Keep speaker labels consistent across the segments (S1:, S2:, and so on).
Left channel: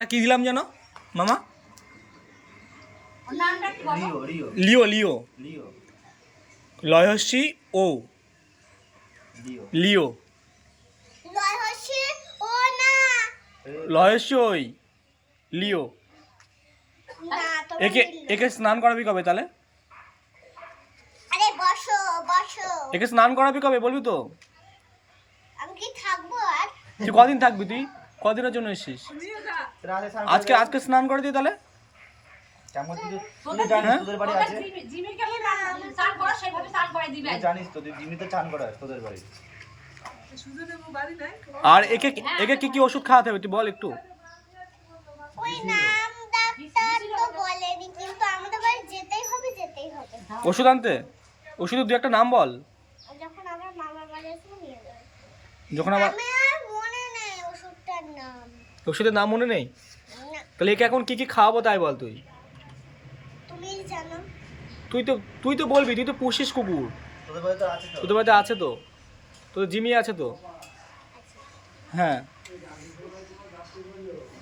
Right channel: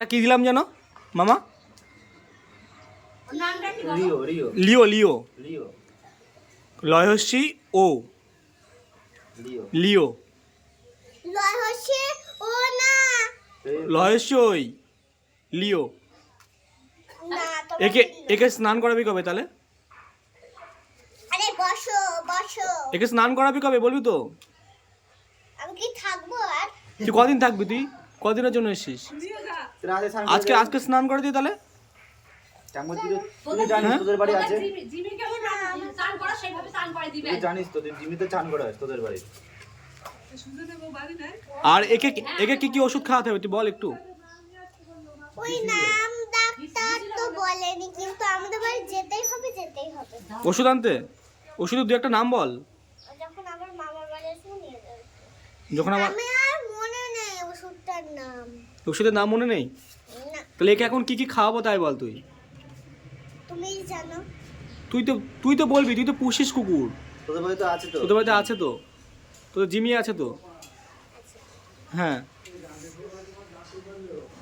S1: কি দিলাম জানো? মামা?
S2: লিও লিও।
S1: লিও লিও।
S2: লিও।
S1: ও।
S2: লিও।
S1: লিও।
S3: লয় হচ্ছে ও না।
S1: লয়সী ওই। লিও। একে একে স্নান করাবি কবে তাহলে?
S3: আরে বসো বসো।
S1: একে স্নান করাবি কবে বলবি তো?
S3: আমি কি থাকব আর?
S1: তুই কদিন থাকবি তুই? কদিনের জন্য এসেছিস? আজকে আজকে স্নান করে দিই তাহলে। হ্যাঁ?
S2: তোদের বাড়ি
S4: তোদের
S2: আছে।
S4: জিমি- জিমিকে বলো না, স্নান করো, সেইভাবে স্নান করাই দিবে।
S2: তুই জানিস তোদের জিমিতে চান করা তোদের বাড়ি।
S1: আর একে একে কি কি ওষুধ খাওয়াতে হবে তুই বল একটু।
S3: ওই নাম ডাক্তার তো বলেনি কিন্তু আমাদের বাড়ি যেতেই হবে যেতেই হবে।
S1: ওষুধ আনতে? ওষুধের দু একটা নাম বল।
S3: যখন আমার
S1: ওষুধের নাম মনে নেই? তাহলে একে এখন কি কি খাওয়াবো তাই বল তুই? তুই তো তুই তো বলবি তুই তো পুষিস কুকুর।
S2: তোদের
S1: বাড়িতে আছে তো? তোদের জিমি আছে তো? হ্যাঁ।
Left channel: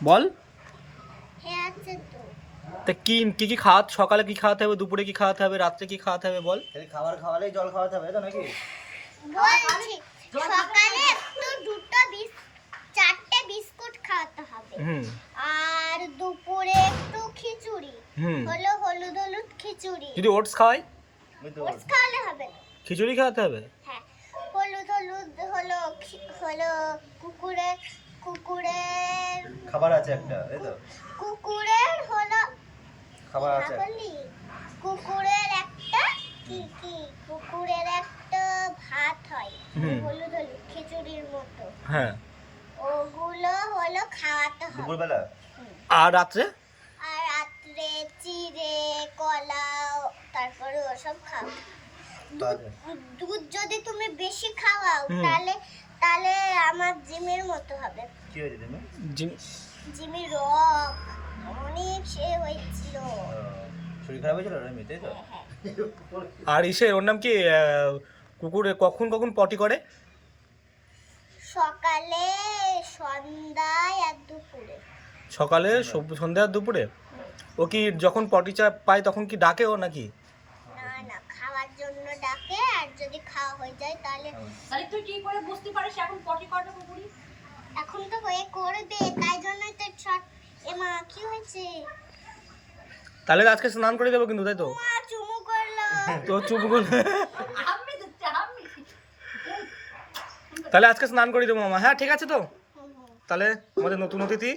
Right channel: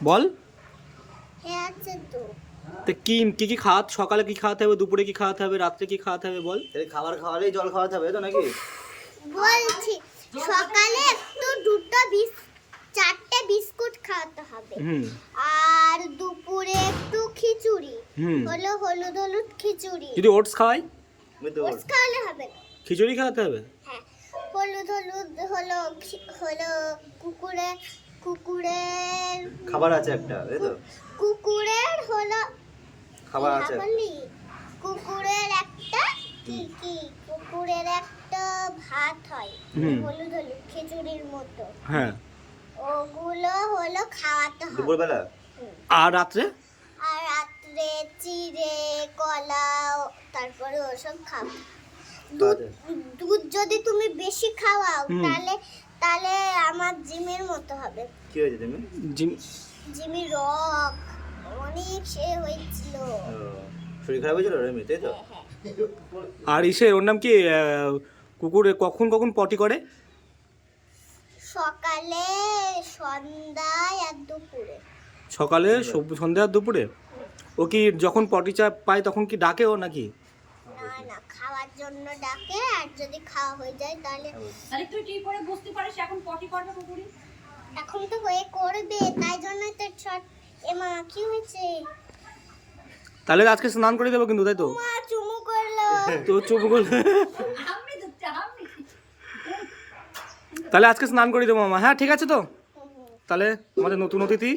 S1: বল।
S3: হ্যাঁ আছে তো।
S1: তা কি কি কি খাওয়া সকালে কি খাওয়াতে হবে দুপুরে কি খাওয়াতে হবে রাত্রে কি খাওয়াতে হবে বল?
S2: খাবার খাওয়ালেই জল খাওয়াতে হবে তো নাকি?
S3: বলছি সকালে একটু দুটো বিস চারটে বিস্কুট খাওয়াতে হবে
S1: হুম
S3: আর দুপুরে একটু খিচুড়ি। হলো হলুদ হলুদ খিচুড়ি।
S1: যদি ওটস খাওয়াই?
S3: ওটস খাওয়ালে হবে
S1: খিচুড়ি খাওয়াতে হবে?
S3: হ্যাঁ। হলুদ হলুদ হলো হলো কুকুরের কুকুরের
S2: খাবার আছে একটা তাই তো।
S3: কুকুরের হলো
S2: খাবার আছে।
S3: বললি? কুকুরের একটা কি কি? কুকুরের একটা ভাত হয়। হলুদ হলুদ খিচুড়ির মতো।
S1: হ্যাঁ।
S3: ওগুলো হলো হবে
S2: দুপুরবেলা?
S1: আর রাত্রে?
S3: আর রাত্রে চিড়ে কলা তারপরে ওসব খাও। দুধ দুধ যদি তুমি বেশি খাওয়াও তাহলে তাহলে আমার জিমের মতো হবে।
S2: কি হয়েছে তুমি?
S1: জিম-
S3: জিমি রক অনেক সে হয়েছিল।
S2: শরীর খারাপ হয়েছিল রেমি তাই তো?
S3: হ্যাঁ।
S1: আর ইসে ওর নাম কি কুকুরে কখন কখন পটি করে?
S3: সকালে সন্ধ্যায় আর দুপুরে।
S1: সকালে সব- সন্ধ্যা আর দুপুরে? ও কি যখন পটি চা পায় তখন কি ডাকে ও নাকি?
S3: না না খাওয়ার জন্য ডাকে আর যদি খাওয়া হয়ে যায় তাহলে
S4: তাহলে তুই কি করে বুঝতে পারিস এখন পটি করবে কুকুরি
S3: এখন তো হয়ে করবে তাই জন্যই তো ছট এমা কি হয়েছে?
S1: তাহলে আজকে স্নান করে দেবো কিন্তু তাই তো?
S3: মা চুমু করল।
S1: তো চুপ করে তাহলে আজকে স্নান করে দেবো মামা হ্যাঁ ঠিক আছে তো। তাহলে আমাদের নতুন অতিথি